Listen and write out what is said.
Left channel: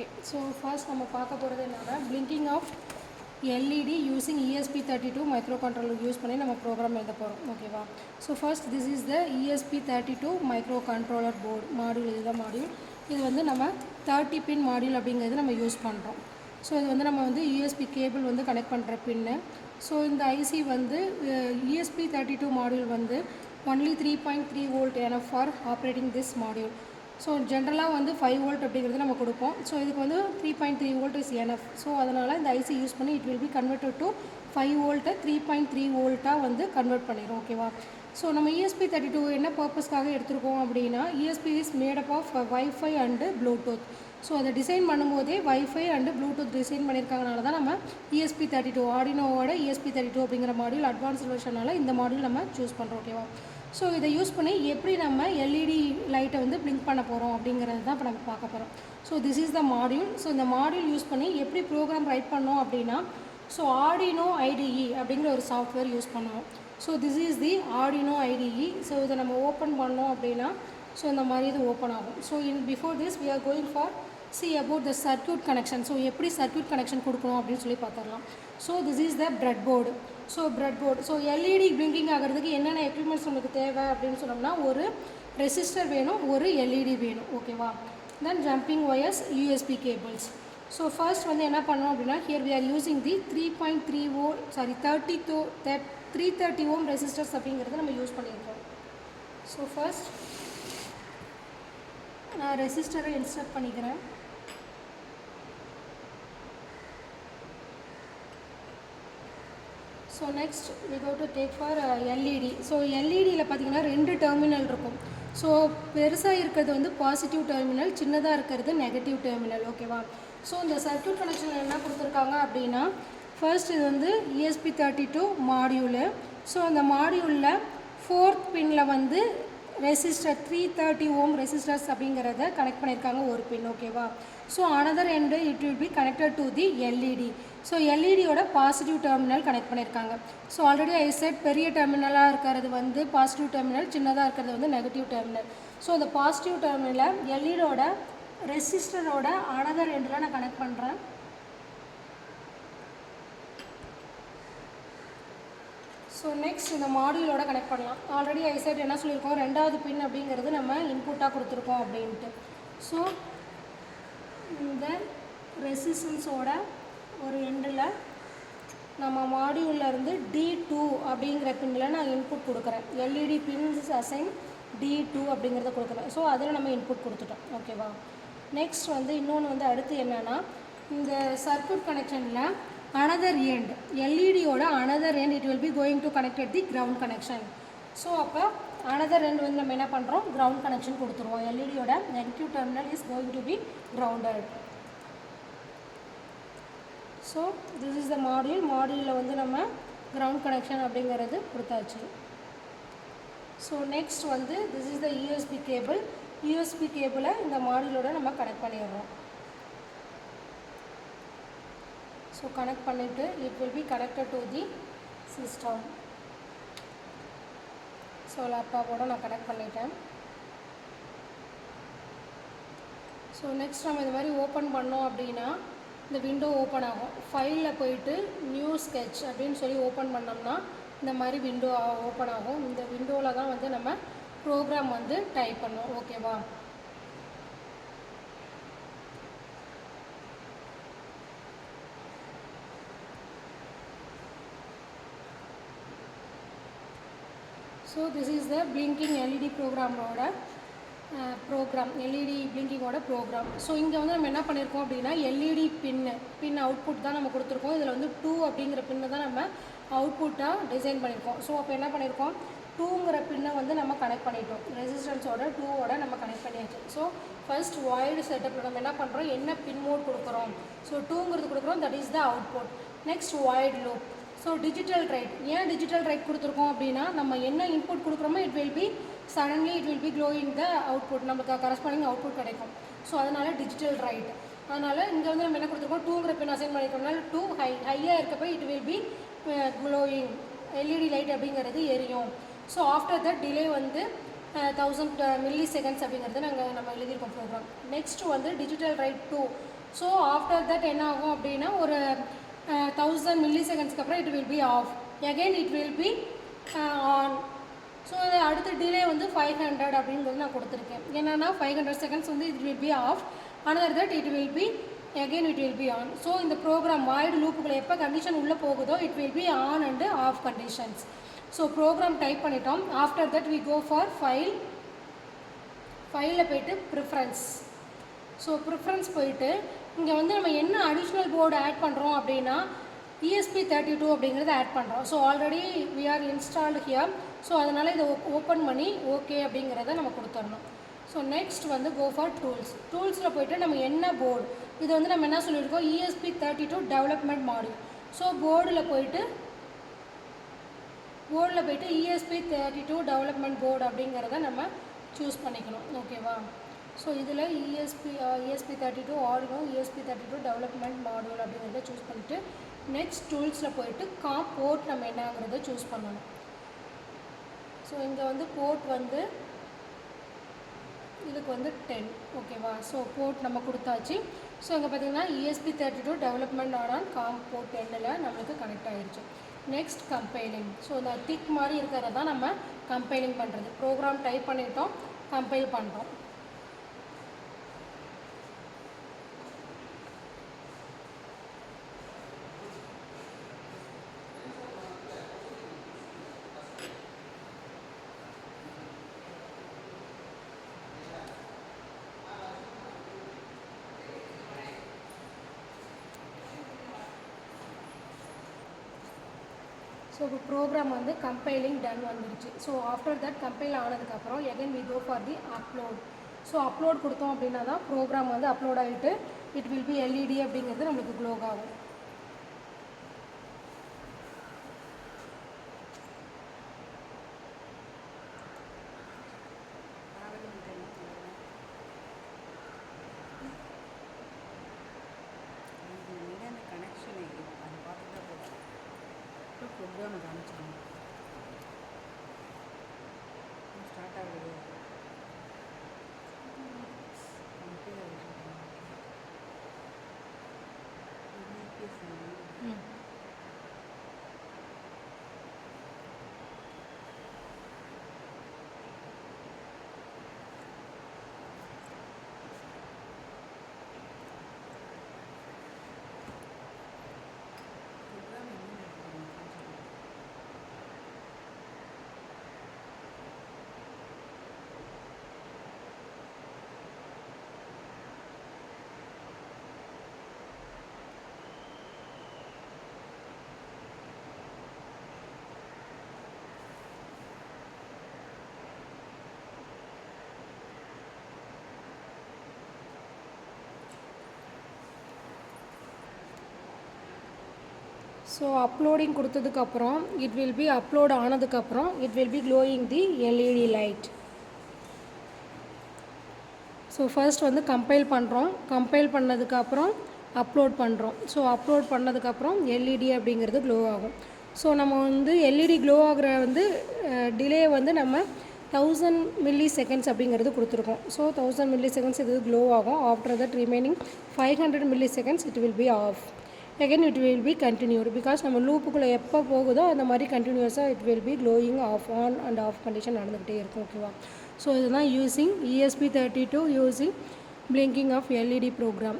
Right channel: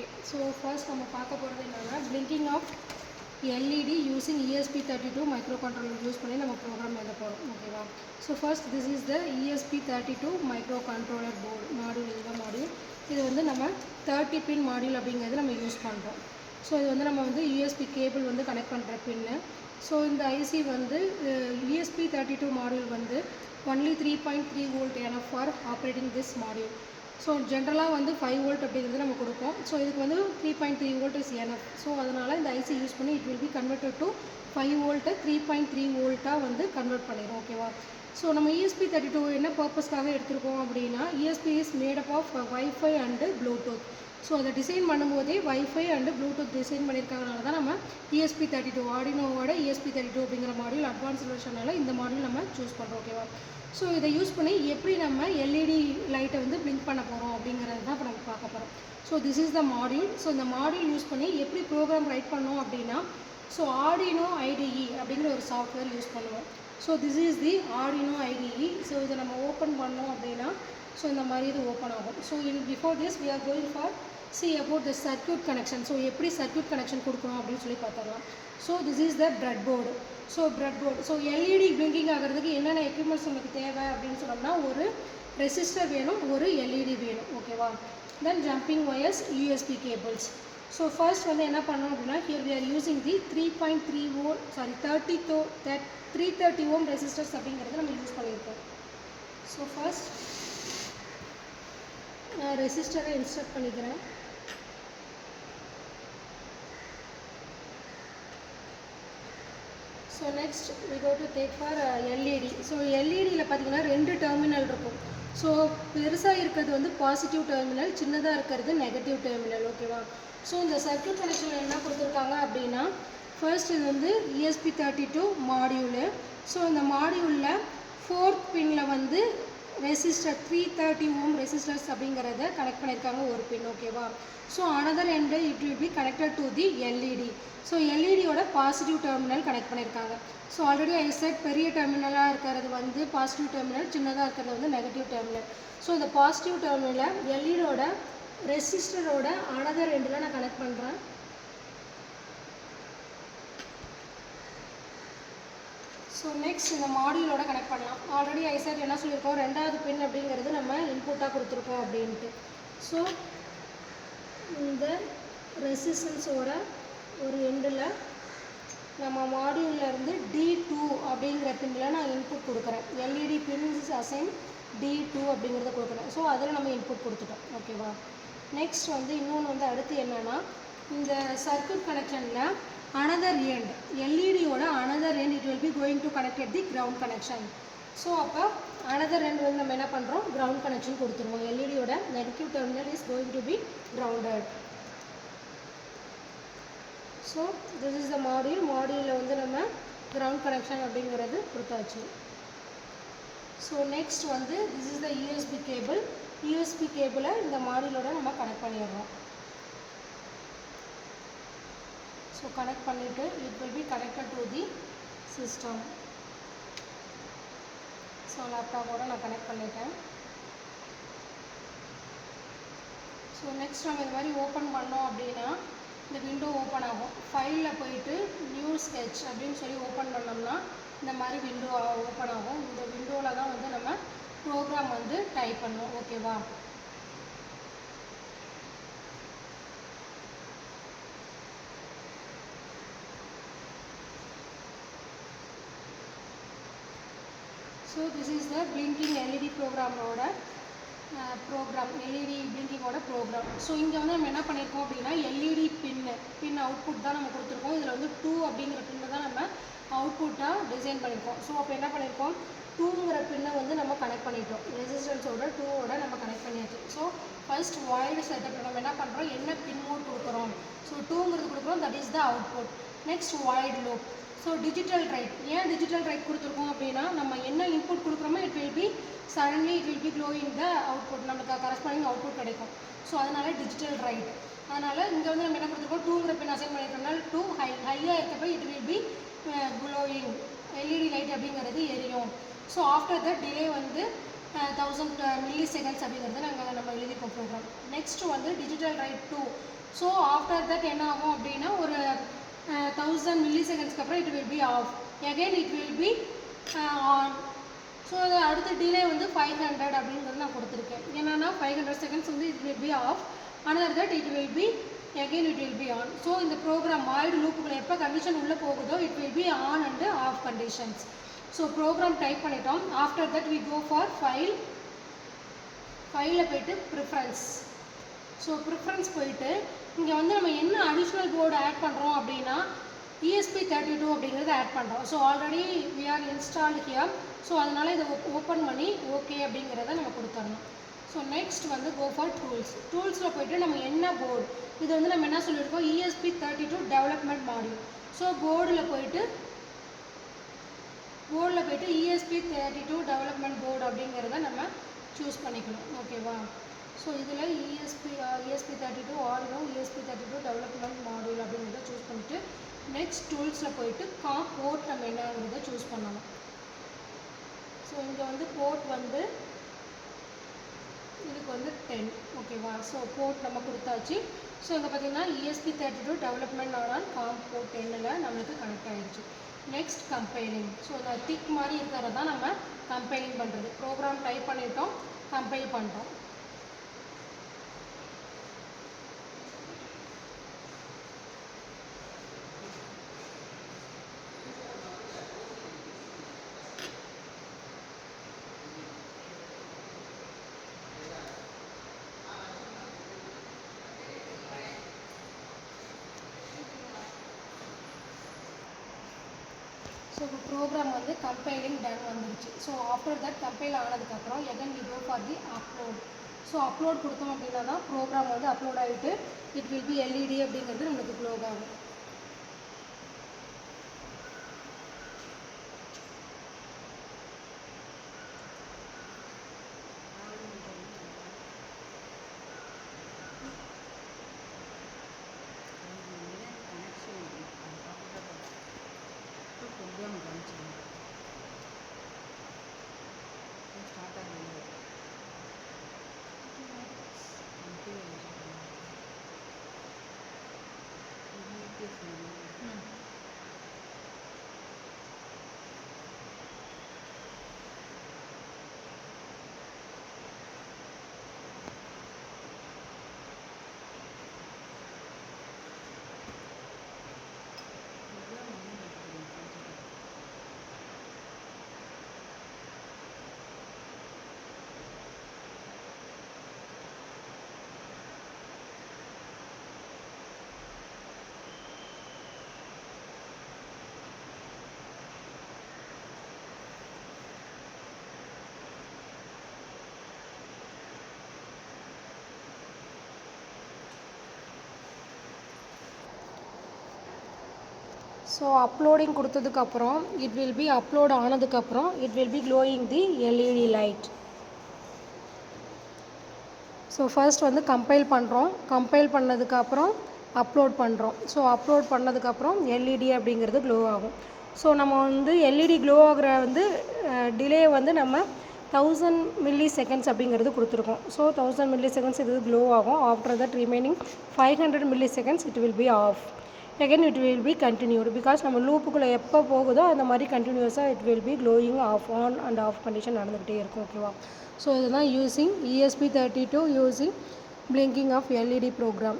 Okay, so first நம்ம பார்க்க போகிறது என்னன்னா blinking of LED using ESP32 microcontroller use பண்ணி நம்ம ப்ரோக்ராம் எழுத போகிறோம். ஓகேவா? So first this is the ESP32 microcontroller board module. இதுதான் மாடியூல். இது வந்து நம்ம 30 பின் மாடியூல் அப்படிங்கிறது நம்ம யூஸ் பண்ணுறோம். ஸோ இது வந்து நம்ம வந்து ESP கேபிள் வந்து கனெக்ட் பண்ணுற பின்னு. ஸோ இந்த ஐசி வந்து ESP32 மாடியூல் வந்து only 3.3 volt enough for operating this module. So ஜென்ரலாக வந்து 5 volt அப்படிங்கிறது நம்ம கொடுப்போம். ஸோ இதுக்கு வந்து 3.3 volt இஸ் எனஃப். ஸோ அதனால் இந்த ஐசி யூஸ் பண்ணி it will B converted to 5 volt 3.3 volட்டாக வந்து கன்வெர்ட் பண்ணிடும். ஓகேவா? ஸோ நம்ம ESP32 என்ன பர்பஸ்க்காக எடுத்திருக்கோம் அப்படின்னா ESP is made up of wifi and Bluetooth. So அதை டிசைன் பண்ணும்போதே வைஃபை அண்டு ப்ளூடூத் டிசைன் பண்ணியிருக்காங்கனால தான் நம்ம ESP32 ஆர்டினோவோட ESP32 அப்படிங்கிற மாடியூல் அட்வான்ஸ் வெர்ஷனால் இந்த மாடியூல் நம்ம சூஸ் பண்ணுறோம். ஓகேவா? ஸோ இதை யூஸ் பண்ணி எப்படி நம்ம எல்இடி லைட்டை வந்து பிளிங்க் பண்ண போகிறோம் அப்படிங்கிறது தான் இப்போ நம்ம பார்க்க போகிறோம். So this is the module. So இந்த மாடியூல் யூஸ் பண்ணி எப்படி ப்ரோக்ராம் ரைட் பண்ணோம் அப்படின்னா ஸோ ஆர்டினோ ஐடிஇ அப்படிங்கிற ஒரு சாஃப்ட்வேர் யூஸ் பண்ணுவோம். So this is the Arduino ITE. So இதை நம்ம ஓப்பன் பண்ணோம் அப்படின்னா ஸோ இந்த மாதிரி இது ஓப்பன் ஆகும். So before this we are going for see about the circuit connection. So எப்படி சர்க்யூட் கனெக்ஷன் கொடுக்குறோம் அப்படின்னு சொல்லி பார்த்துடலாம். So this is the bread board. So bread board. So LED blinking ஆகிறதுக்கு என்னென்ன எக்யூப்மெண்ட்ஸ் உங்களுக்கு தேவை அப்படின்னு சொன்னோம்னா ஒரு ரெசிஸ்டர் வேணும், ஒரு எல்இடி வேணும். ஓகேவா? Then jumping wires, USB cables. So first வந்து என்ன பண்ணோம் அப்படின்னா here we are using the 3.3 volt 330 ohm resistors அப்படிங்கிறது நம்ம யூஸ் பண்ணியிருக்கோம். ஸோ ஃபர்ஸ்ட் நான் ரெசிஸ்டரை இன்ஸ்டால் பண்ணிக்கிறேன். So next we go to take for LED. So எல்இடியில் பார்த்தீங்கன்னா 2 டெர்மினல் இருக்கும். ஸோ பெருசாக இருக்கிறது வந்து பாசிட்டிவ் டெர்மினல், சின்னதாக இருக்கிறது நெகட்டிவ் டெர்மினல். ஓகேவா? ஸோ இந்த சர்க்யூட் கனெக்ஷன் என்ன கொடுத்துருக்காங்க அப்படின்னா ஃபர்ஸ்ட் இது வந்து ESP32 மாடியூலு. ஸோ இந்த மாடியூலில் 4th பின்னில் வந்து ரெசிஸ்டர் 330 ohm ரெசிஸ்டர்ஸ் அப்படிங்கிறத கனெக்ட் பண்ணியிருக்காங்க ஒரு பின். ஓகேவா? So another end it will be connected to the LED. So எல்இடியோட பாசிட்டிவ் டெர்மினல் கனெக்ட் பண்ணியிருக்காங்க. ஸோ ஆல்ரெடி ஐ செட் பெரிய டெர்மினலாக இருக்கிறது வந்து பாசிட்டிவ் டெர்மினல், சின்னதாக இருக்கிறது வந்து நெகட்டிவ் டெர்மினல். ஸோ இந்த பாசிட்டிவ் டெர்மினலை எல்இடியோட ரெசிஸ்டரோட அனதர் எண்டில் நான் கனெக்ட் பண்ணுறேன். ஸோ நெக்ஸ்ட் இந்த மாடியூலோட கனெக்ட் பண்ணலாம். ஆல்ரெடி ஐ செட் என்ன சொல்லியிருக்கோம், 2வது பின் அப்படிங்கிறது நம்ம இன்புட்டாக கொடுத்துருக்கோம் அப்படின்ட்டு. ஸோ இந்த ரெசிஸ்டன்ஸோட ஒரு எண்டில் நம்ம மாடியூல்லேருந்து D2 அப்படிங்கிற பின்னில் நான் இன்புட் கொடுக்குறேன். எல்இடி பின்ஸ் அசைன் D2 அப்படிங்கிறத கொடுக்குறேன். ஸோ அதில் நம்ம இன்புட் கொடுத்துட்டோம். ஓகேவா? நெக்ஸ்ட் வந்து இன்னொன்று வந்து அடுத்து என்னென்னா இந்த சர்க்யூட் கனெக்ஷனில் அனதர் எண்ட் எல்இடியோட another end it will be going to connected the ground connection. So அப்போ அனதர் எண்ட் வந்து நம்ம என்ன பண்ணுறோம், கிரவுண்ட் கனெக்ஷன் கொடுத்துருவோம். எல்இடியோட negative terminal is going to be grounded. So this is the module. மாடியூலில் வந்து நம்ம கிரவுண்ட் கனெக்ஷன் அப்படிங்கிறது கொடுத்தாச்சு. ஸோ நெக்ஸ்ட் வந்து this is the USB cable. USB கேபிளை இந்த மாடியூலோட நம்ம கனெக்ட் பண்ணிடுறோம். ஸோ கனெக்ட் பண்ணிவிட்டு it will be connected to the system. So லேப்டாப்போட நான் கனெக்ட் பண்ணிட்டேன். ஸோ நெக்ஸ்ட் நம்ம இந்த மாதிரி ஓப்பன் பண்ணோம் அப்படின்னா இந்த விண்டோ ஓப்பன் ஆகும். ஃபைலில் போயிட்டு நியூ ஸ்கெட்ச் அப்படின்னு சொல்லி ஓப்பன் பண்ணோம்னா இந்த மாதிரி விண்டோ ஓப்பன் ஆகும். இந்த விண்டோவில் தான் வந்து நம்ம ப்ரோக்ராம் வந்து டைப் பண்ணுவோம். ஓகேவா? So this is the blinking LED ப்ரோக்ராமோட எல்இடி பிளிங்கிங்கோட ப்ரோக்ராம். ஸோ இங்கே வந்து நம்ம என்ன பண்ணியிருக்கோம் அப்படின்னா எல்இடி பின் அவுட்புட் தான் நம்ம கொடுத்துருக்கோம். இதில் வந்து 2 அப்படிங்கிற பின்னை தான் நம்ம அவுட்புட்டாக டிசைன் பண்ணியிருக்கோம். ஸோ அப்போ என்ன பண்ணியிருக்கோம், 2ங்கிற பின்னை வந்து நம்ம கனெக்ட் பண்ணிட்டோம். ரெசிஸ்டன்ஸோட 2வோட நம்ம கனெக்ட் பண்ணியாச்சு. ஸோ ஃபர்ஸ்ட் வாய்டு செட்டப்பில் நம்ம என்ன பண்ணுறோம், என்ன பின் மோட் கொடுக்குறோம். ஸோ 2ங்கிறது கொடுக்குறோம், that is the output. Next void loop. So digital write. ஏன் டிஜிட்டல் ரைட் கொடுத்துருக்கோம் அப்படின்னா நம்ம என்ன இன்புட் கொடுக்குறோமோ it will B suddenly it will be glowing the output, நமக்கு கரஸ்பாண்டிங் அவுட்புட் கிடைக்கும். ஸோ அதனால் டிஜிட்டல் ரைட். அதனால் இங்கே வந்து நம்ம என்ன கொடுத்துருக்கோம், 2ங்கிற பின் அசைன் பண்ணியிருக்கனால 2 ஹையாக இருக்கப்போ it will be glowing LED light அப்படிங்கிறது எரியும். ஸோ ஆஃப்டர் தட் டிலே வந்து 1000 milli seconds அப்படிங்கிறது நம்ம எழுதியிருக்கோம் ப்ரோக்ராம். நெக்ஸ்ட் வந்து digital write 2 so after that என்ன ஆகும் அப்படின்னா ஒரு 1000 millisecondsக்கு அப்புறம் it will be off, again it will be on. So அது அடுத்த டிலே வந்து 500 அப்படிங்கிறது நான் கொடுத்துருக்கேன். என்னென்னா 500 செகண்ட்ஸ் வந்து it will be off, another that it will be again it will be on. So இந்த ப்ரோக்ராம் வாய்டு லூப்புக்குள்ள எப்போ கண்டிஷன் உள்ளே போகுதோ it will be on and off conditions. So program type பண்ணிட்டோம். After that we go for ஃபைலில் போய்ட்டு preference. So preference போயிட்டு இங்கே வந்து நம்ம என்ன அடிஷ்னல் போர்டு ஆட் பண்ணுறோம் அப்படின்னா ESP32 அப்படிங்கிறத ஆட் பண்ணுறோம். So already we are installed here. So அதனால் இதை ஓப்பன் பண்ணி ஓகே அப்படிங்கிறத நம்ம கொடுத்துடணும். ஸோ நெக்ஸ்ட் வந்து கோ ஃபார் டூல்ஸில் போய்ட்டு நம்ம என்ன போர்டு, இது வந்து நம்ம என்ன சொல்லியிருக்கோம் ESP32 டெவலப்மெண்ட் மாடியூல். ஸோ போர்டில் போய்ட்டு ESP32 டெவலப்மெண்ட் போர்டு அப்படிங்கிறத நம்ம சூஸ் பண்ணிக்கணும். ஓகேவா? ஸோ இதில் ESP32 Arduino ESP32 development module அப்படிங்கிறத சூஸ் பண்ணிவிட்டு நெக்ஸ்ட் டூல்ஸில் போய்ட்டு போர்ட் நம்ம என்னங்கிறத சூஸ் பண்ணணும். ஸோ இங்கே வந்து போர்ட் வந்து இதுக்கு வந்து 10. ஓகேவா? ஸோ போர்ட் நம்ம கொடுத்தாச்சு. ஸோ இங்கே பார்த்தீங்கன்னா ESP32 டெவலப்மெண்ட் ஆன் போர்ட் 10ல் நம்மளுக்கு கனெக்ட் ஆகிடுச்சு. Next compiling. ஸோ இந்த டிக் மாதிரி இருக்கிறது தான் நம்ம கம்பைலிங் பண்ணுறது. ப்ரோக்ராம் டைப் பண்ணிட்டோம், கம்பைல் பண்ணுறோம். ஸோ இப்போ ப்ரோக்ராம் வந்து கம்பைலிங் டன் வந்துருச்சு. ஸோ ஆஃப்டர் தட் கம்பைல் ஆனதுக்கப்புறம் again we go for the upload. So upload கொடுத்தோம் அப்படின்னா தான் ப்ரோக்ராம் வந்து அப்லோட் ஆகிட்டு இட் வில் பி LED அப்படிங்கிறது நம்மளுக்கு க்ளோ ஆகும். ஸோ அப்லோடிங் கொடுத்ததுக்கப்புறம் இட் வில் பி அப்லோட் ஆனதுக்கப்புறம் it will be glowing the LED light. So first வந்து கம்பைல் பண்ணுறோம். கம்பைல் பண்ணதுக்கப்புறம் அப்லோட் பண்ணுறோம். ஸோ அப்லோட் பண்ணதுக்கப்புறம் LED அப்படிங்கிறது க்ளோ ஆகும். ஸோ நம்ம வந்து LED க்ளோ ஆகிற வந்து டிலே வந்து நம்ம 1000 milliseconds அப்படிங்கிறது கொடுத்துருக்கோம். ஸோ 1000 milliseconds இது க்ளோ ஆகும். After that remaining 500 milliseconds it will be off. again it will be continued because நம்ம லூப்புக்குள்ளே எப்போ போகுதோ அந்த மாதிரி கண்டினியூஸாக it will be glowing off on and off condition நடந்துக்கிட்டே இருக்கும். ஓகேவா? ஸோ இதுதான் using ESP32 using blinking of LED program.